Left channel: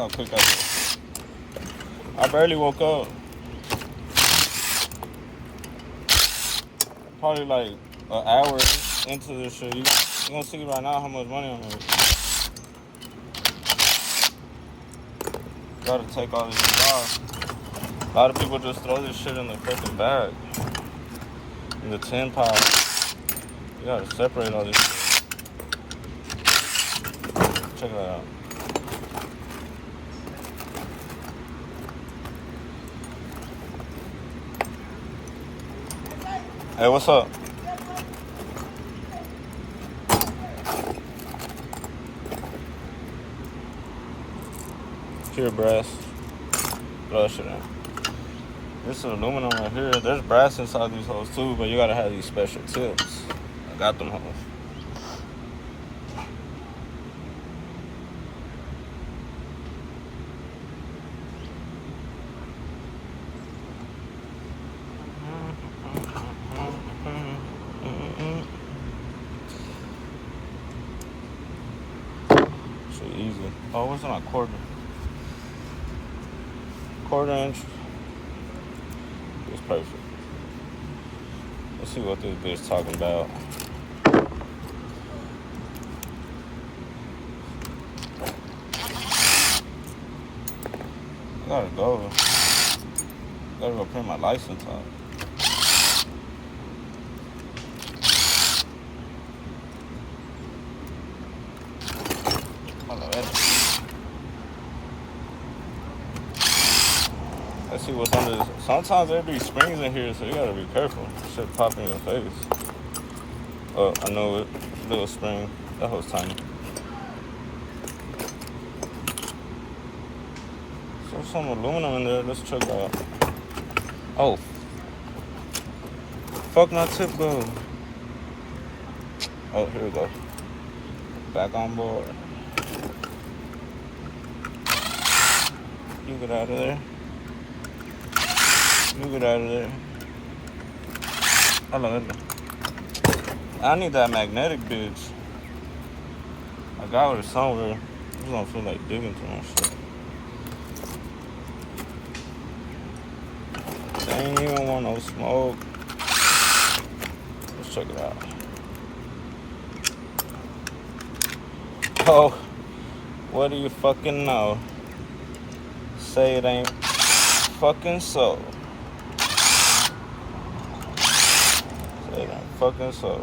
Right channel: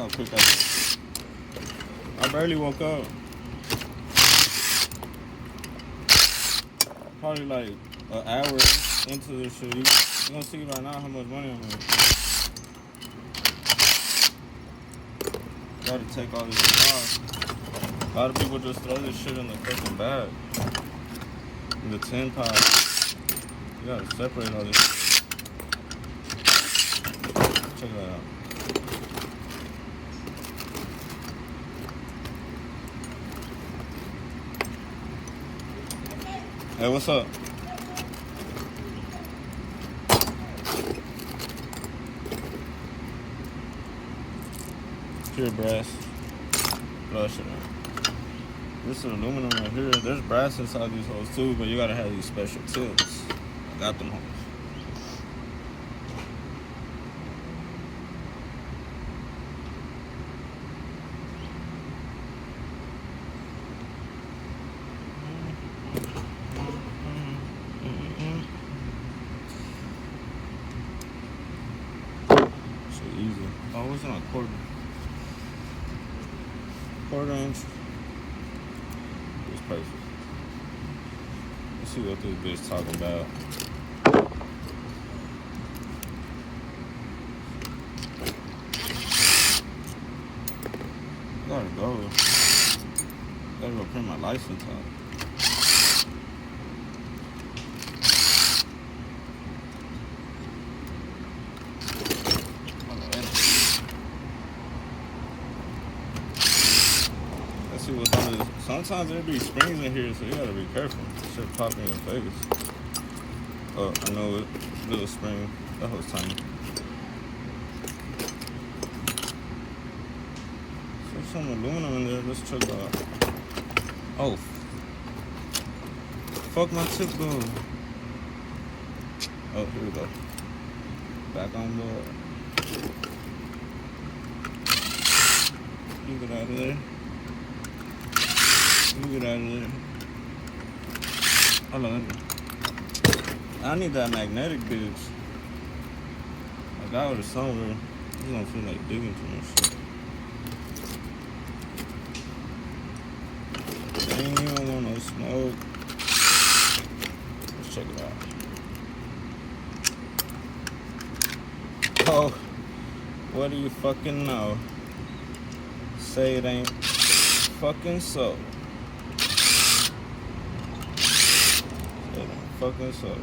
how quick I did. I barely woke up. Probably like an hour into this shit. You gonna see right now how much money I'm making. Gotta take all this shit off. A lot of people just throw this shit in the fucking bag. In the tin pile. You gotta separate all this shit. Check that out. Hey, what's up? Here, brass. Flush it out. This is aluminum right here. There's brass inside these holes too, but you gotta have these special tips. I got them holes. So easy. Oh, what's on a quarter? Quarter inch. It's perfect. Let's see what this bitch talking about. I gotta go. Gotta go print my license out. Let's see what's under this. Sometimes there be springs in here, so you gotta be careful. Shit pop in your face. Oh, I know it. Little spring. That was tiny. There's some aluminum in there. Let's check that out. Oh. Fuck my tip go. Oh, here we go. Back on board. You get out of there. You get out of there. Hold on. I need that magnetic bitch. I got it somewhere. You don't feel like digging too much shit. I ain't even want no smoke. Let's check it out. Oh, what do you fucking know? Say it ain't fucking so. It ain't fucking so.